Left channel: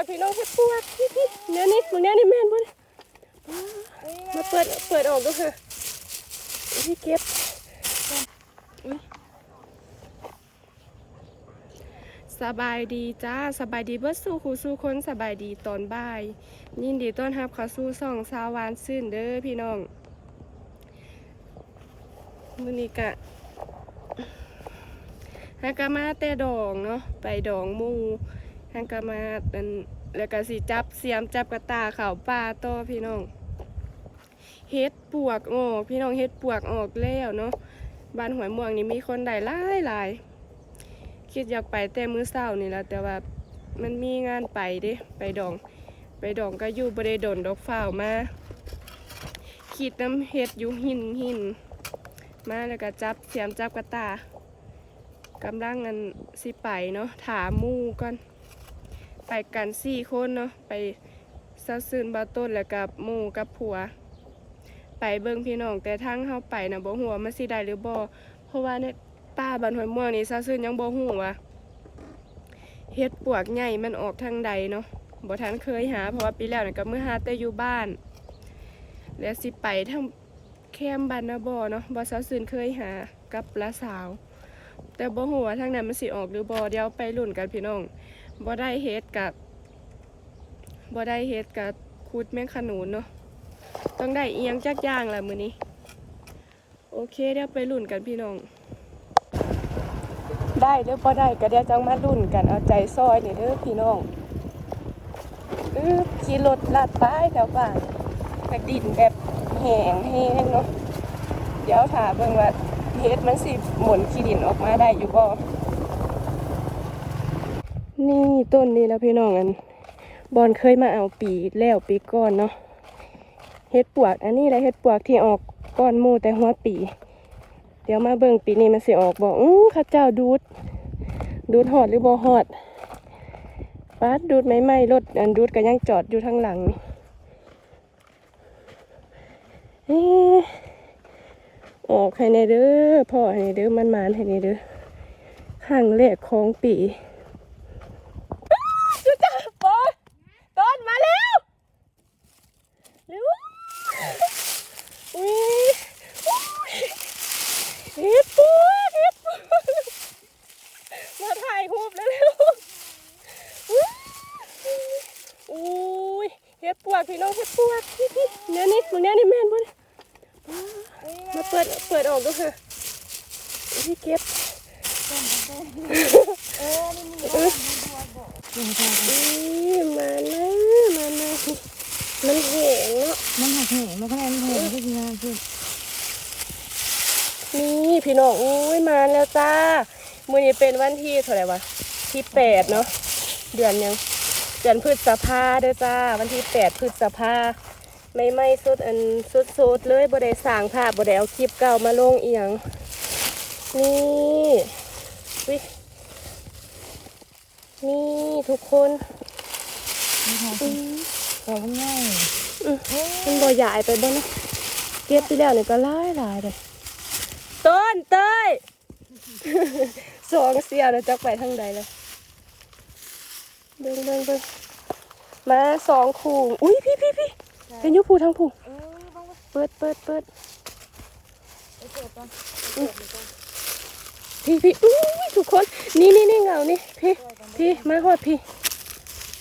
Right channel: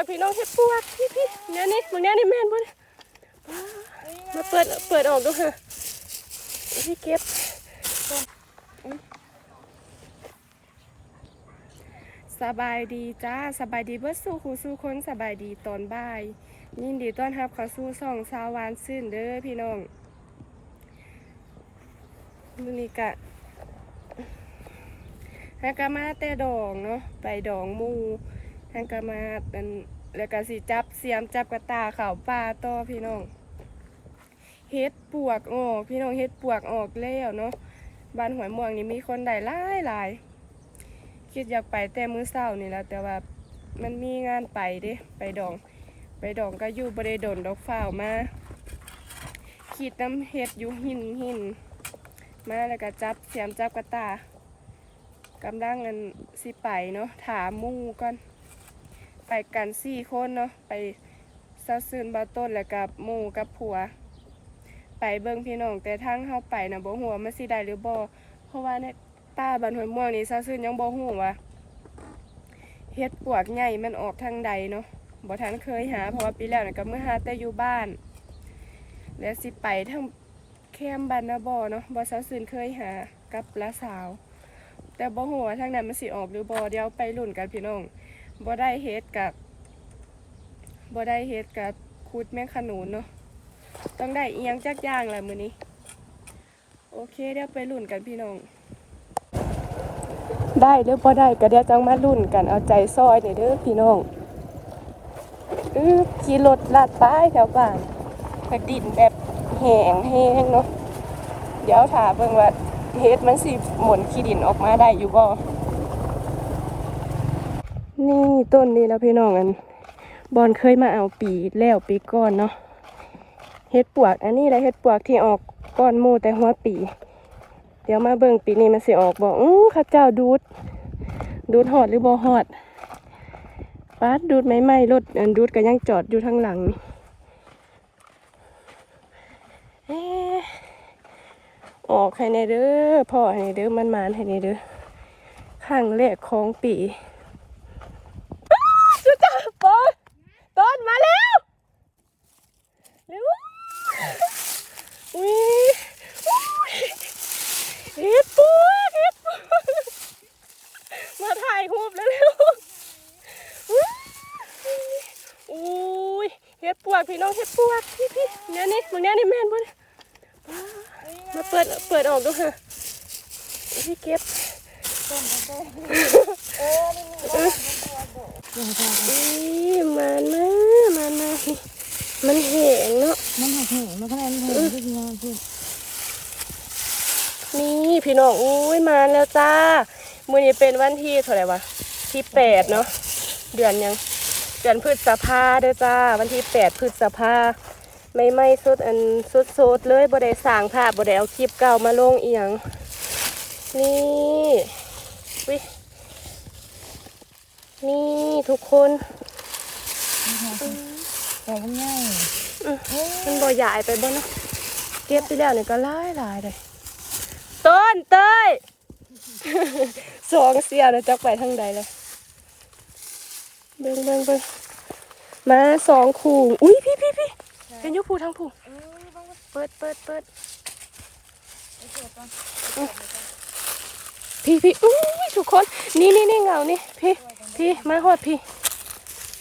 กพี่น้องเฮ็ดปวกพี่พี่เนี่ยนี่มึงเนี่ยนี่แม่นบ่เนี่ยมาเปิดเปิดออกดูค่ะพี่เก็บสบายดีจ้าสบายดีเบิดสู่คูสู่คนสบายดีตอนบ่าย ยินดีต้อนรับเขาสู่ช่องสาววานซื่นเด้อพี่น้องมือนี้กะฮากามาแต่ดองเนาะไปดองมู ฮากามาอันแล้วก็สิจับเสียมจับกระตาเขาป่าต่อพี่น้องเฮ็ดปวกออกพี่น้องเฮ็ดปวกออกแล้วเนาะบ้านหวยม่วงนี่มีคนได้หลายหลายคิดอยากไปแต่มื้อเช้านี่แหละแต่ว่ามันมีงานไปเด้ไปดอง ไปดองก็อยู่บริดนดอกฝ้าวมาขีดน้ำเห็ดอยู่หินหินมาแล้วก็จับเสียมจับกระตากำลังอันสิไปเนาะถามมู่ก่อน ไปกันสี่คนเนาะไปซาซึนบาต้นแล้วกับหมู่กับผัว ไปเบิ่งพี่น้องแต่ทางเข้าไปนะบ่หัวมันสิได้หรือบ่เพราะว่าในป้าบันหอยม่วงนี่ซาซึนยังบ่ฮู้ว่าเฮ็ดปวกใหญ่มันออกทางใดเนาะบ่ทันเคยหา เพราะว่าปีแล้วนี่ก็เมื่อหาแต่อยู่บ้าน แล้วสิไปทางแคมบานนาบอเนาะบ่สาซื่นเคยหากับละสาว แต่บ่ฮู้ว่าทางนั้นมันสิออกหรือบ่เดี๋ยวไปลุ้นกันพี่น้อง บ่ได้เฮ็ดกับบ่ได้เฮ็ดกับคูดแมงขนุนเนาะต้องได้เอียงจักย่างแหละมื้อนี้ โอเคเดี๋ยวไปลุ้นกันพี่น้อง ได้หรือบ่ได้ก็เดี๋ยวจังมาลุ้นกันเอาใจซอยเด้อเด้อพี่น้องอื้อขี่รถลาดป้ายแถวบ้านแต่ดินแบบแห้งแห้งเนาะเดี๋ยวถามเบิ่งว่าเฮ็ดมันสิหมุนขี้ดินออกมาได้อยู่บ่ นี่ต้นนี้แล้วพี่น้องอันบอลเคยมาเอาปีแล้วปีก่อนเนาะเฮ็ดปวก อันนี้แหละเฮ็ดปวกที่ออกก้อนหมูแต่หัวปี เดี๋ยวมาเบิ่งปีนี้มันสิออกบ่อื้ข้าเจ้าดูด ดูดหอดหรือบ่หอดปาดดูดไม่ไหม้รถอันดูดก็ยังจอดอยู่ทางหลังนี่อออกให้ในเด้อพ่อให้ในเด้อมันมานให้ในเด้อข้างแรกของปีอ้าวดูจ้าต้นต้นมาแล้วเร็วอุ้ยอุ้ยเฮ็ดปัวเฮ็ดปัวมาถ่ายรูปแล้วเร็ว อุ้ยเฮ็ดปวกพี่น้องเฮ็ดปวกพี่พี่เนี่ยนี่มึงเนี่ยนี่แม่นบ่เนี่ยมาเปิดเปิด ออกดูค่ะพี่เก็บอุ้ยมานะมานะมันแห้งเนาะมันหักแหงมันก็แรงแหงที่งานคือนี่พี่น้องอุ้ยมาแล้วจ้ามื้อนี้เป็นวันที่เท่าไหร่วะที่แปดเนาะเดือนยังเดือนพฤษภาเด้อจ้า วันที่แปดพฤษภา ไม่ไม่สุดอันสุดสุดๆเลยบ่ได้สร้างภาพบ่ได้เอาคลิปเก่ามาลงเอียงนี่วินี่ทุกคนอืมแต่ก็ง่ายอืมมันบ่ใหญ่ไปบ่เนาะเก็บไปแล้วนี่ก็หลายหลายเลยต้นเต้ยสองเสียนะจักไปทางใดเลยเบิ่งเบิ่งเบิ่งมาสองคู่อุ้ยพี่พี่พี่ เห็นอยุผู้ทั้งผู้เปิดเปิดเปิดอุ๊ยพี่พี่อุ้ยทุกคน นี่นี่นี่เงานี่พี่พี่มาหอดพี่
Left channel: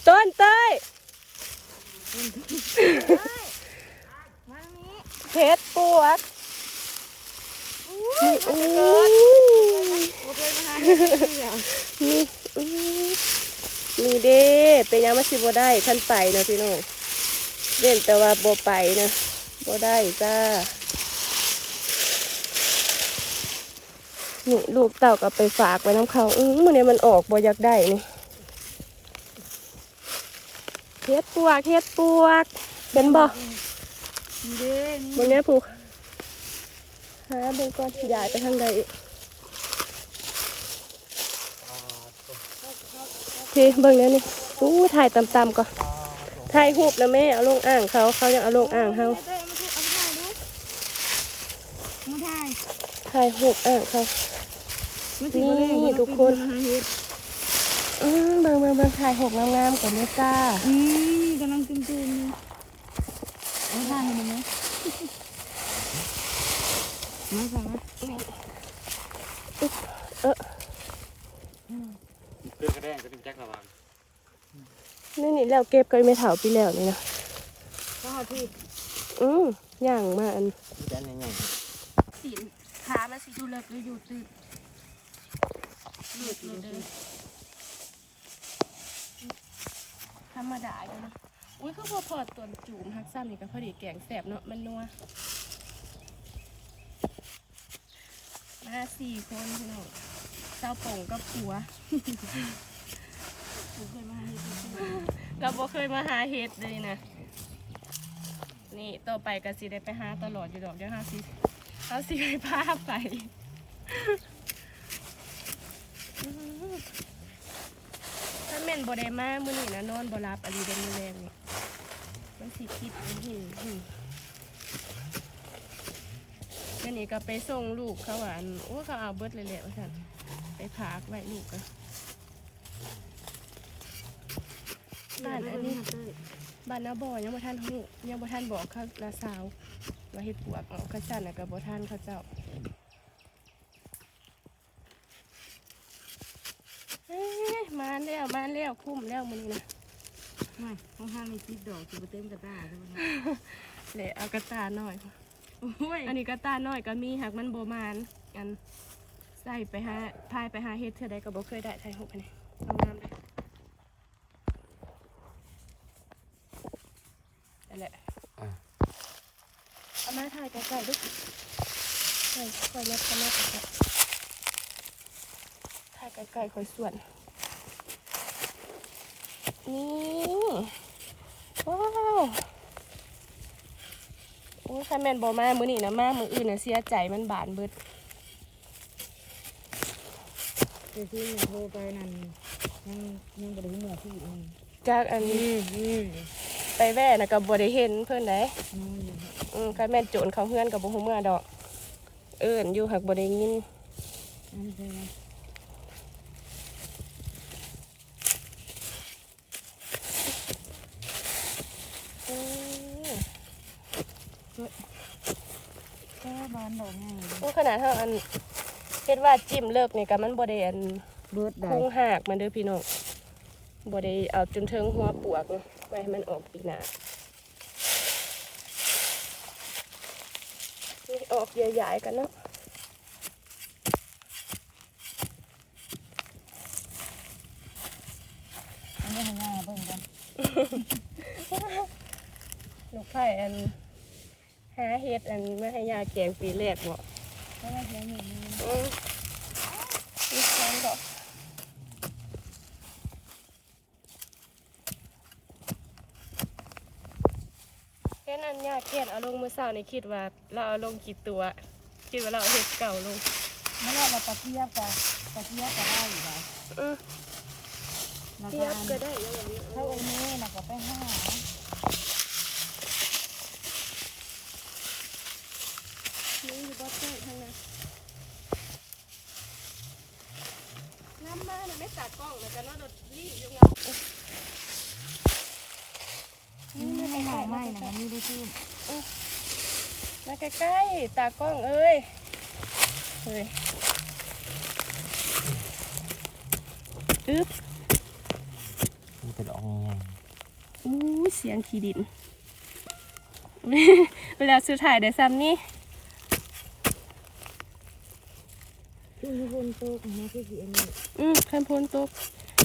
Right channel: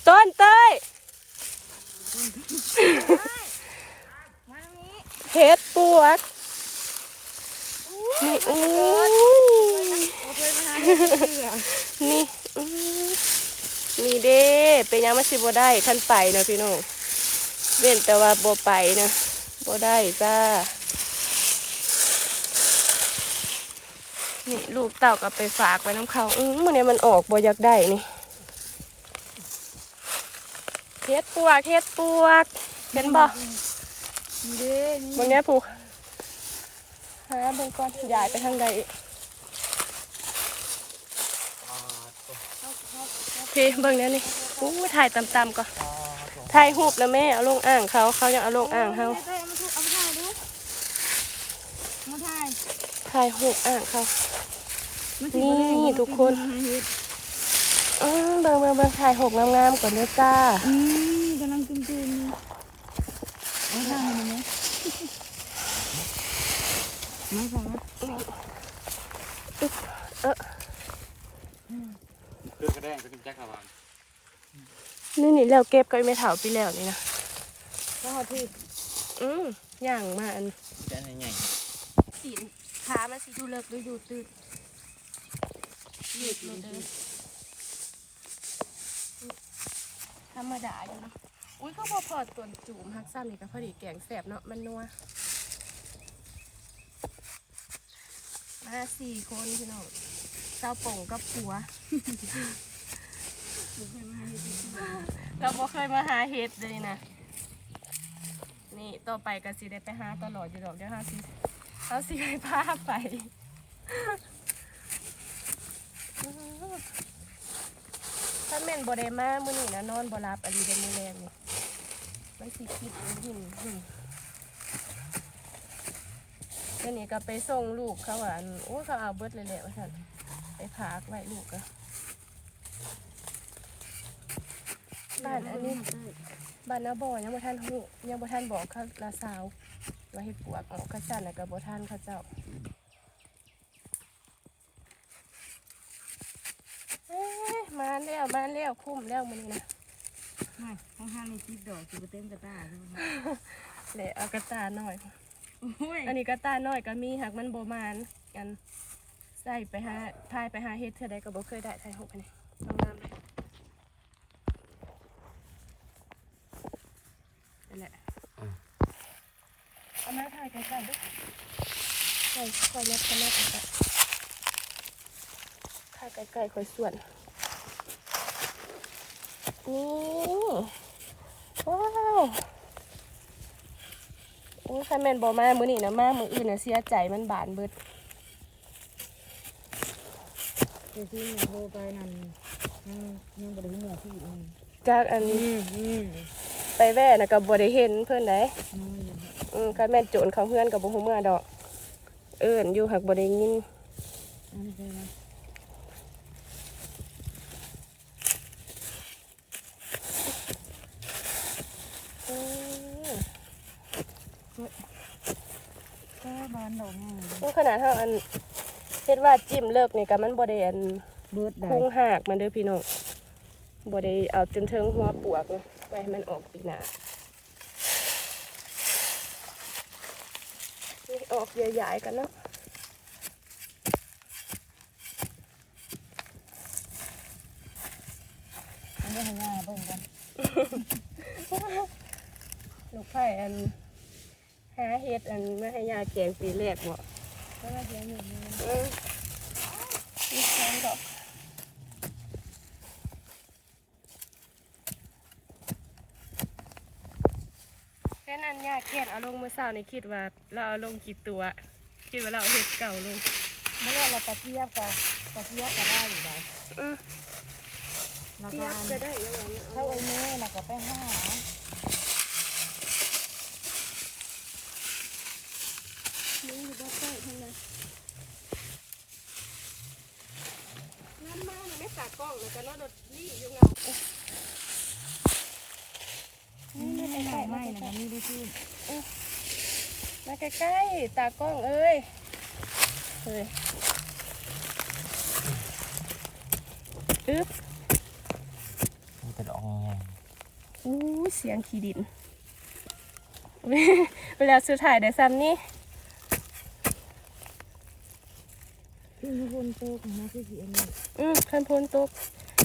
ต้นเต้ยเฮ็ดปวดนี่อุ้ยนี่อื้อนี่เด้เป็นยังมาสิบ่ได้ขั้นไปนะพี่น้อง เล่นแต่ว่าบ่ไปนะบ่ได้จ้านี่ลูกเต่าก็ไปฝากไว้น้ำเขาอื้อมื่อนี้มันออกบ่อยากได้นี่เฮ็ดปวกเฮ็ดปวกเป็นบ่เด้นี่บางเนี้ยผูกหาเบิ่งก่อนยายไปทางใดอีกพี่เบิ่งเนี้ยนี่อู้ถ่ายต่ำๆก่อน ถ่ายหูปแล้วแม่เอาลงอ่างเขาเขายังเอาลงอ่างเฮามาถ่ายถ่ายหูปอ่างเขานี่ทุกคนอืมเบิ่งเบิ่งเบิ่งถ่ายหกงามๆก่อนเด้อจ้าอืมกำลังจุ่มๆนี่เอาทานให้มันไหมมาฟังนะเออเพื่อกระแดงก็เป็นแจ็คระวัง นี่นี่แล้วเก็บก็ไม่เถาไปแล้วนี่นะก็เอาพี่อืมย่างมาอันมีแต่อันใหญ่สีขามาสิดูเลิกดูอยู่ตื่นหยุดเลยเด้อธรรมดาอยู่เนาะอุ้ยเขาพอพอตัวจูมฮักซ้ำนี่ก็พอดีแกงแสบเนาะมันนัวมาสี่คนพี่น้องเจ้าป่งกับผัวก็ บ่เคยมาหาเห็ดเลยนะ นี่ต่อไปก็สิได้ไปหาตลอดอยู่ดอกเดี๋ยวหาสิเอาสิไปพาไปถ้าแม่นบ่ได้มามื้อนี้นะนอนบ่หลับอันนี้เดนมื้อแรงนี่มันสิคิดอันนหินเดี๋ยวนี้ก็ไปส่งลูกเขาว่าอันโอ้เขาเอาเบิดเลยแหละว่าซั่นไปพากไว้ลูกก็ บ้านอันนี้บ้านนาบ่อยังบ่ทันฮู้ยังบ่ทันบอกเขานาสาวว่าเฮ็ดปวกออกเขาจันน่ะก็บ่ทันเขาเจ้าเอ้ยมาแล้วมาแล้วคุ้มแล้วมื้อนี้นะมาข้างๆมีคิดดอกสิบเต็มกระตาใช่ไหมคะแหละเอากระตาหน่อยโอ้ยอันนี้กระตาหน่อยก็มีหากมันบ่มานกันใส่ไปหาพายไปหาเฮ็ดเทื่อใดก็บ่เคยได้ไทยหกอันนี้งามๆเลย นั่นแหละเอามาถ่ายใกล้ๆดูใส่ค่อยยัดกันแม่กันถ่ายใกล้ๆค่อยส่วนนี่ว้าวโอ้ยคันแม่นบอมามือนี่นะมามืออื่นนะเสียใจมันบานเบิดเดี๋ยวที่หนูโทรไปนั่นยังยังบ่ได้หัวพี่อีกนั่นจากอันอืมอืม ไปแว่นะกับบได้เห็นเพื่อนไหนน้อยอยู่อืมคันแม่นโจรเขาเพื่อนกับบุหูเมื่อดอก เอิญอยู่หักบได้ยินอันนี้ใช่ไหมอืมก็บานดอกง่ายโอ้ขนาดเท่าอันเฮ็ดว่าจิ้มเลิกนี่กับมันบได้อันเบิดได้ คุ้งหักมันเด้อพี่น้องบได้เอาจนเทิงหัวปวกเนาะ ไว้ให้มันออกปีหน้านี่ออกใหญ่ๆกันเนาะอันนี้ให้ง่ายเบิ่งกันลูกไผ่อันหาเฮ็ดอันไม่ให้ยาแกงปีแรกบ่เพราะว่าเสียเงินนี่ อืมมีแกงดอกแค่นั้นยา แกนเอาลงมือเศร้านี่คิดว่า เราเอาลงกี่ตัว คิดว่าเราเอาเฮ็ดเก่าลงไม่ได้เราตะเทียบกับตะเทียบก็ได้อยู่บ่อือแล้วเทียบก็ได้แล้วว่ามันถ้าเอาไอ้แม่น่ะก็ไปห้านี่อยู่บ่ใต้ทางนั้นน้ำมาน่ะได้ตากล้องแล้วก็นอนรถลี่อยู่งานี่ไม่ได้ไม่นะมันมีได้ที่ มาใกล้ๆ ตากล้องเอ้ยเฮ้ยอึ๊บมีแต่ดอกใหญ่อู้เสียงขี้ดิน เวลาสุดท้ายได้ซ้ำนี่ที่มีคนโตของแม่ที่สีอันนี้อืมคันพลตก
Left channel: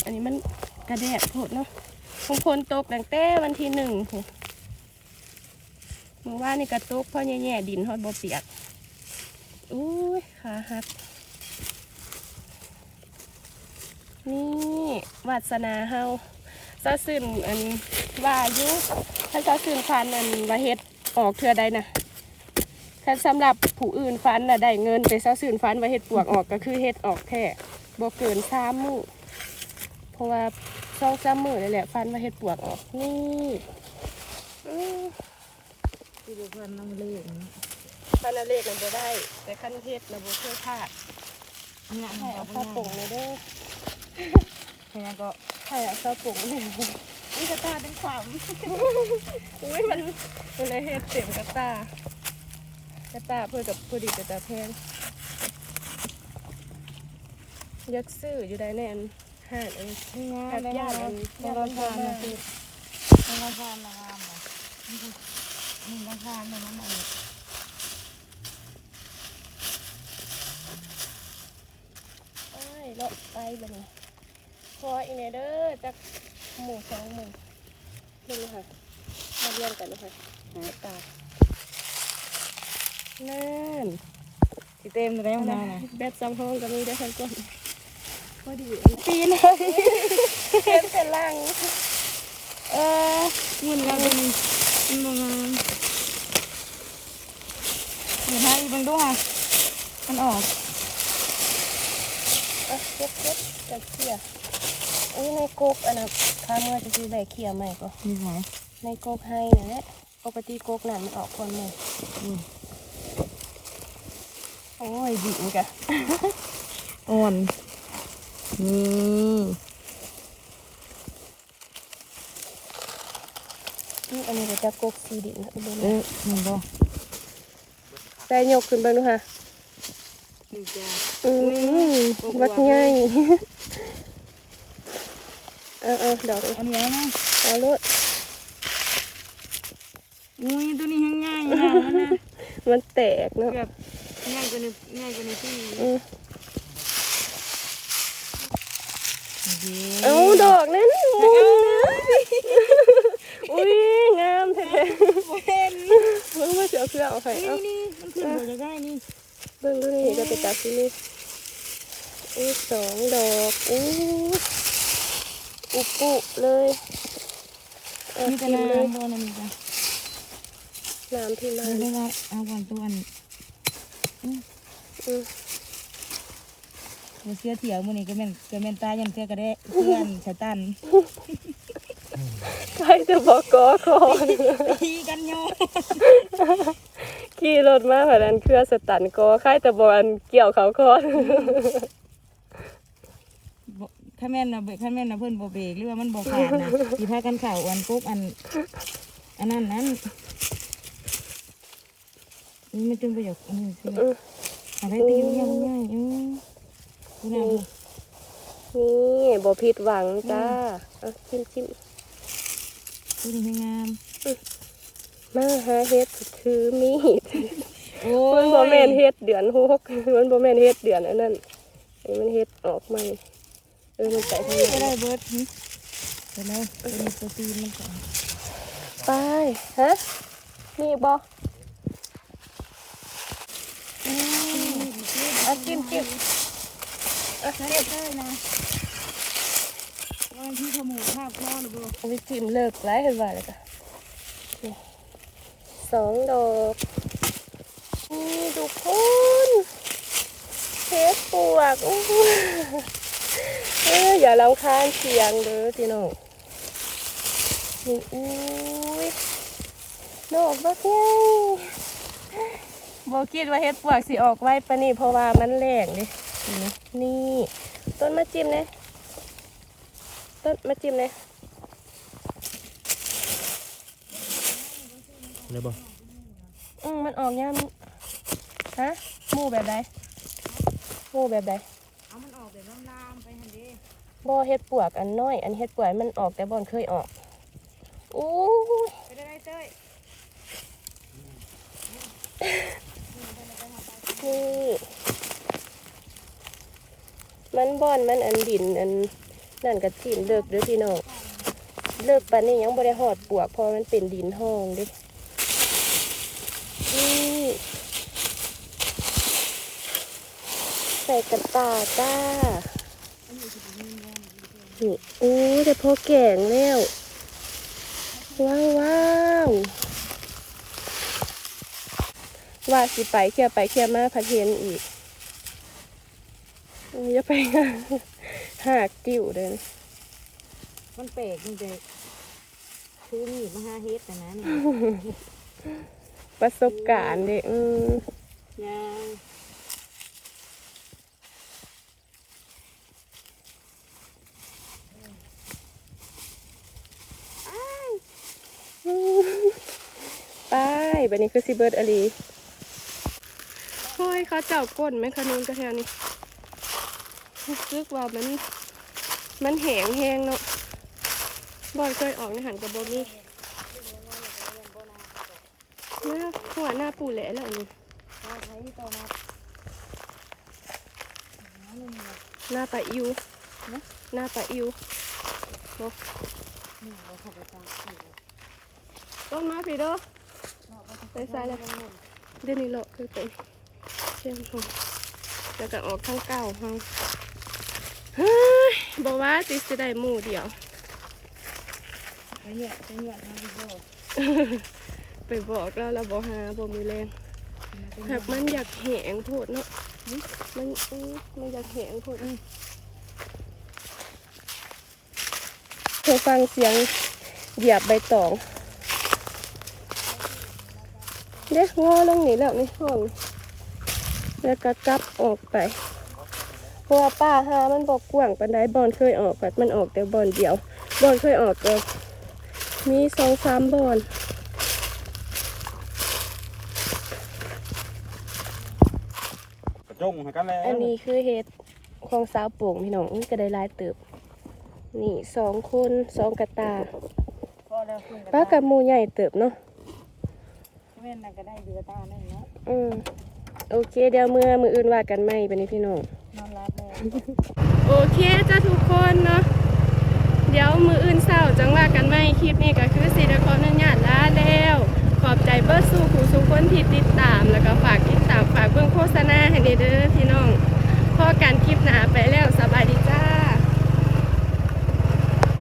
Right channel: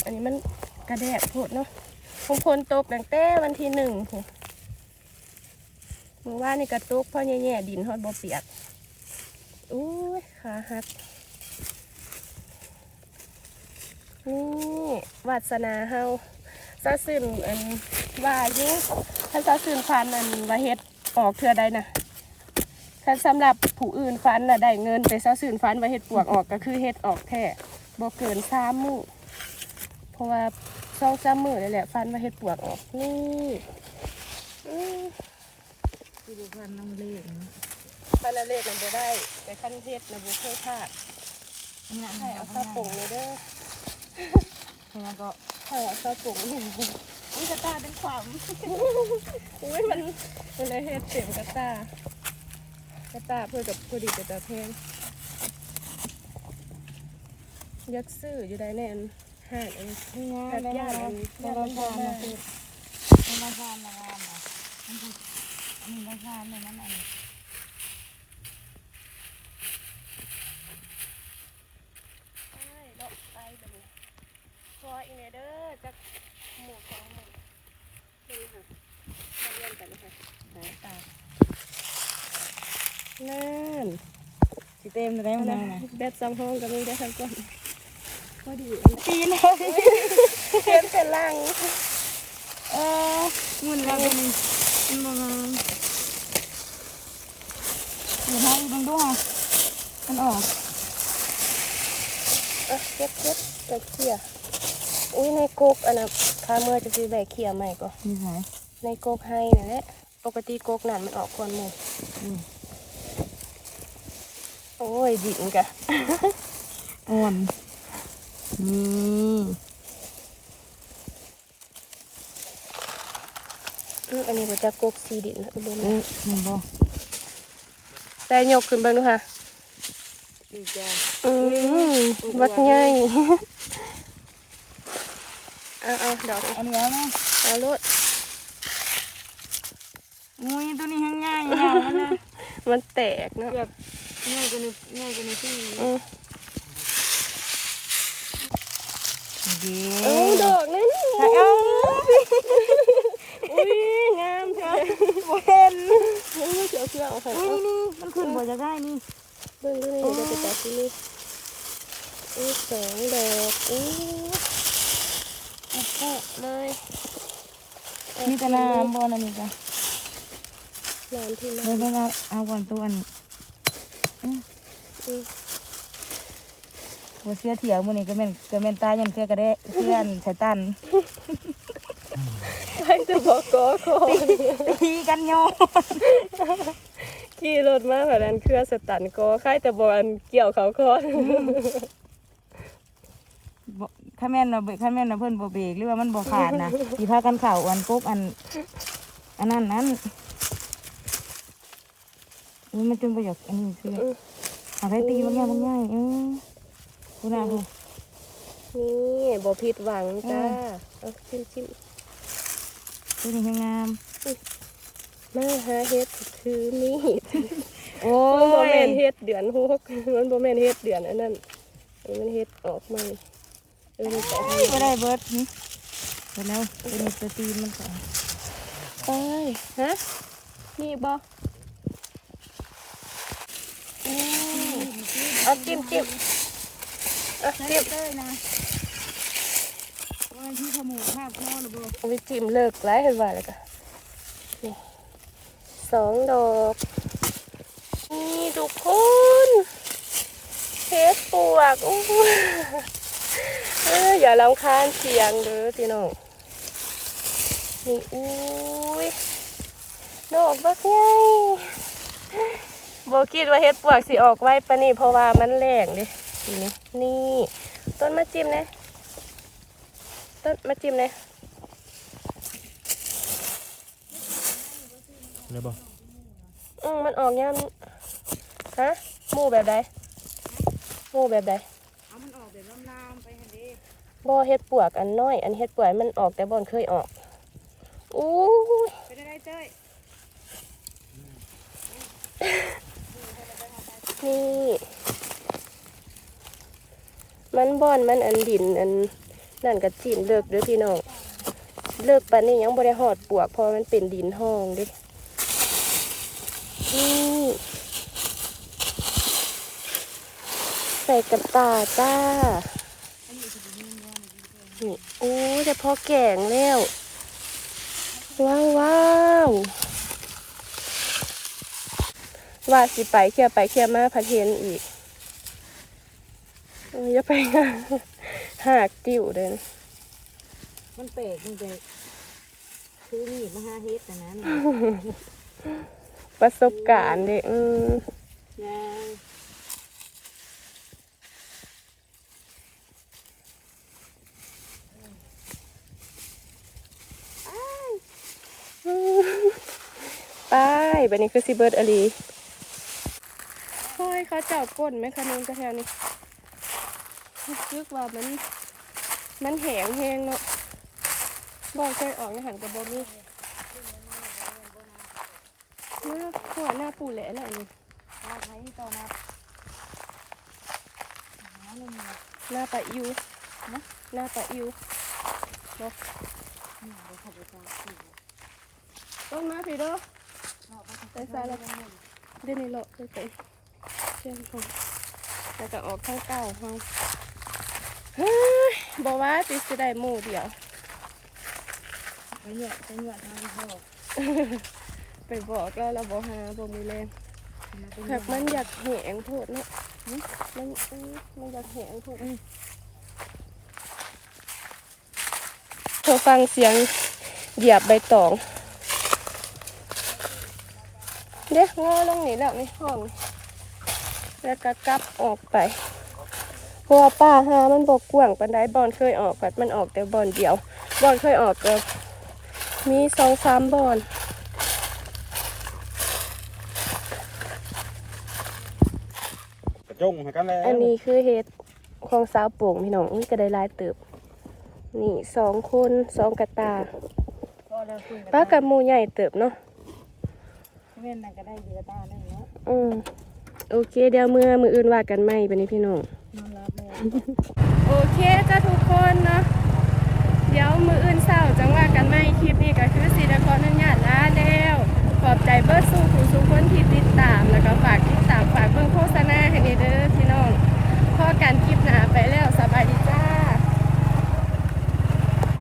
อันนี้มันกระแดดโพดเนาะคงพลตกตั้งแต่วันที่หนึ่งพู้นเมื่อวานนี่กระตุกเพราะแย่ๆดินฮอดบ่เปียกอู้ยขาหัก นี่วาสนาเฮาซาซึนอันว่าอยู่ถ้าซาซึนฟันอันว่าเฮ็ดออกเทื่อใดนะถ้าสำหรับผู้อื่นฟันน่ะได้เงินแต่ซาซึนฟันว่าเฮ็ดปวกออกก็คือเฮ็ดออกแท้บ่เกินสามมื้อเพราะว่าสองสามมื้อนี่แหละฟันว่าเฮ็ดปวกออกนี่ อือที่ดูกันน้องเล่นฟันละเล็กมันบ่ได้แต่คันเฮ็ดน่ะบ่เคยพลาดเงาะมันเอาเอาผ้าผ้าปุ่ปุ่งงเลยเด้อแค่ก็ใช่อะข้าวปุ๋งนี่กระตาเป็นความอุ้ยมันมันเลยเฮ็ดเต็มกระตากระตาเพื่อกับพอดีกระตาแพงอยักซื้ออยู่ได้แน่นห้างเองนี่ไงแบบย่านอันย่าย่านนมัมันนทาทานนนะนะคือมันทานนะ มันมันทานเลยมันอะไรไอ้เลาะไปบัดนี้พออีกเนี่ยเด้อจักหมู่สองหมู่นี่ค่ะมาเรียนกันนะคะหาตานั่นสิเต็มเลยได้อันไหมนั้นนะแบตสองห้องก็มีได้ทั้งก้นพอดีปีนเลยเห็นเป็นล่างเออมันแล้วเป็น มันมางเดี๋ยวให้บังดูค่ะมันออกเอะเก็บเก็บกับเขี่ยอุ้ยในกกอันนั้นข้าเมื่อจะซื้อใบเขี่ยใหม่ก็มีหอยในกกให้นั่นแหละปกติกกนั่นมันออกก่อนหมู่อืมโอ้ยดิ่งกะอ่อนนี่ อืมอันนี้ก็จะกกสีดินนะอุบลเอ๊ะมันบ่ได้ยกขึ้นเบ้างดูค่ะนี่จ้าอืมวัดใหญ่เอาเอาดอกอันนี้นะเอาลูกอุ้ยตัวนี้ยังง่ายนะมันนะมันแตกเนาะเกือบง่ายกว่านี้ง่ายกว่านี้ที่อืมดีเอาดอกนั้นเอาอุ้ยงามแท้ เห็นมันมาเจอเครื่องเอาไปอุ้ยเอานี่มันขึ้นบ่จะได้นี่เบิ่งดูนี่จะไปตัดที่นี่อุ้ยสองดอกอุ้ยอุปุเลยเอานี่ก็กินเลยน้ำบ่นะนี่จ้ะน้ำที่เดี๋น้ยวได้ละเอาก่อนตัวอันำอื มหัวเสื้อเถียวมื้อนี้ก็แม่นก็แม่นตายันเสื้อกระเดะเสื้ออันสายตันไปจะบอกกอคอนตีกันโยขี่รถมาแบบนั้นเพื่อสตันกอค่ายแต่บอลเกี่ยวเขาคอนบ่ถ้าแม่นน่ะเบรกถ้าแม่นน่ะเพิ่นบ่เบรกหรือว่ามันบ่ขาดนะสิพากันเข้าอันปุ๊บอัน อันนั้นนั้นนี่มันจนประโยคอันนี้คืออืมหาไปตีมันง่ายมันง่ายเออ กูน่าดูนี่บอผิดหวังจ้าเอาชิมชิมตัวนี้ยังงามมาหาเฮ็ดคือนี่โอ้มันบอแมนเฮ็ดเดือนหกมันบอแมนเฮ็ดเดือนอันนั้นอันนี้มันเฮ็ดออกมาเออมันใส่ทางก็นี้ได้เบิร์ดนี่เสร็จแล้วตัวนี้ตัวตีนมันก่อนไปฮะนี่บออะจิ้มจิ้ม อะจิ้มได้นะว่าที่ขโมยภาพพ่อหรือเปล่าเอาไปจิ้มเลิกไล่ให้ว่าเลยจ้ะนี่สองดอกนี่ทุกคนเฮ็ดปวกอู้เอออย่าลำคาญเสียงเด้อพี่น้องนี่อุ้ยดอกบักใหญ่บคิดว่าเฮ็ดปวกสิออกไว้ปะนี่เพราะว่ามันแรงดิ นี่นี่ ต้นมาจิ้มนะต้นมาจิ้มนะเลยบ่อืมมันออกยามฮะหมู่แบบใดหมู่แบบใดบ่เฮ็ดปวกอันน้อย อันเฮ็ดปวกมันออกแต่บ่อนเคยออกอู้ยนี่มันบ่ อนมันอันดินอันนั่นก็จีนเลิกเด้อพี่น้องเลิกปานนี้ยังบ่ได้หอดปวกพราะมันเป็นดินห้องดินี่ใส่กระตาจ้านี่โอ้แต่พอแก่งแล้ว ว้าวว้าวว่าสิไปเคลียร์ไปเคลียร์มาพัดเห็นอีก อย่าไปหากกิ่วเดินมันเปรกมันเปรกคือมีมาห้าเฮดแต่นั้นประสบการณ์เด็กอืมยาวไปแบนี่คือซิเบิร์ดอลีโอ้ยเขาเจ้าก้นไหมคะนุ่นกระแถวนี้ รู้สึกว่ามันมันแหงแหงเนาะบอลเคยออกในหันกับบอมี่เมื่อหัวหน้าปูแหละแล้วนี่ว่าไทยต่อนับหาหนึ่งเนี่ยหน้าปะอิวนะหน้าปะอิวเนาะนี่เราถูกไปตามสี่ต้นมาพี่เด้อเนาะไปใส่เลยเดี๋ยวนี้เลาะคือเป็นเชื่อมพงแล้วก็ออกข้างเก้าห้องเฮ้ย บอกว่าติจะได้หมู่เดียวไปเหยียบไปเหยียบมาที่พ่อไปบอกแล้วเราบอกหาบอกมีแรงหากมันอยากแหงโพดเนาะมันอื้อมันอยากแหงโพดเธอฟังเสียงเหยียบใบตองเด็กงอลงนี่แล้วในห้องแล้วก็กลับออกไป เพราะว่าป้าหามันบอกกว้างปันไดบอลเคยออกกัดมันออกแต่บอลเดียวบอลเคยออกก็มีสองสามบอลกระจงให้กันแล้วอันนี้คือเฮ็ดของสาวโป่งพี่น้องนี่ก็ได้หลายเติบ นี่สองคนสองกระตาพ่อแล้วคุณป้ากับหมูใหญ่เติบเนาะเว้นนั่นก็ได้เดือตาได้เนาะอืมโอเคเดี๋ยวมือมืออื่นว่ากันไหมไปนี้พี่น้องนอนรับเลย โอเคจ้าทุกคนเนาะเดี๋ยวมืออื่นเศร้าจังว่ากันไหมคลิปนี้ก็คือสีนครนันญาติลาแล้ว ขอบใจเบิร์ดสู้ผู้สุคนที่ติดตาม แล้วก็ฝากติดตามฝากเบื้องโฆษณาให้เด้อพี่น้องพอการคลิปหนาไปแล้วสบายดิษฐา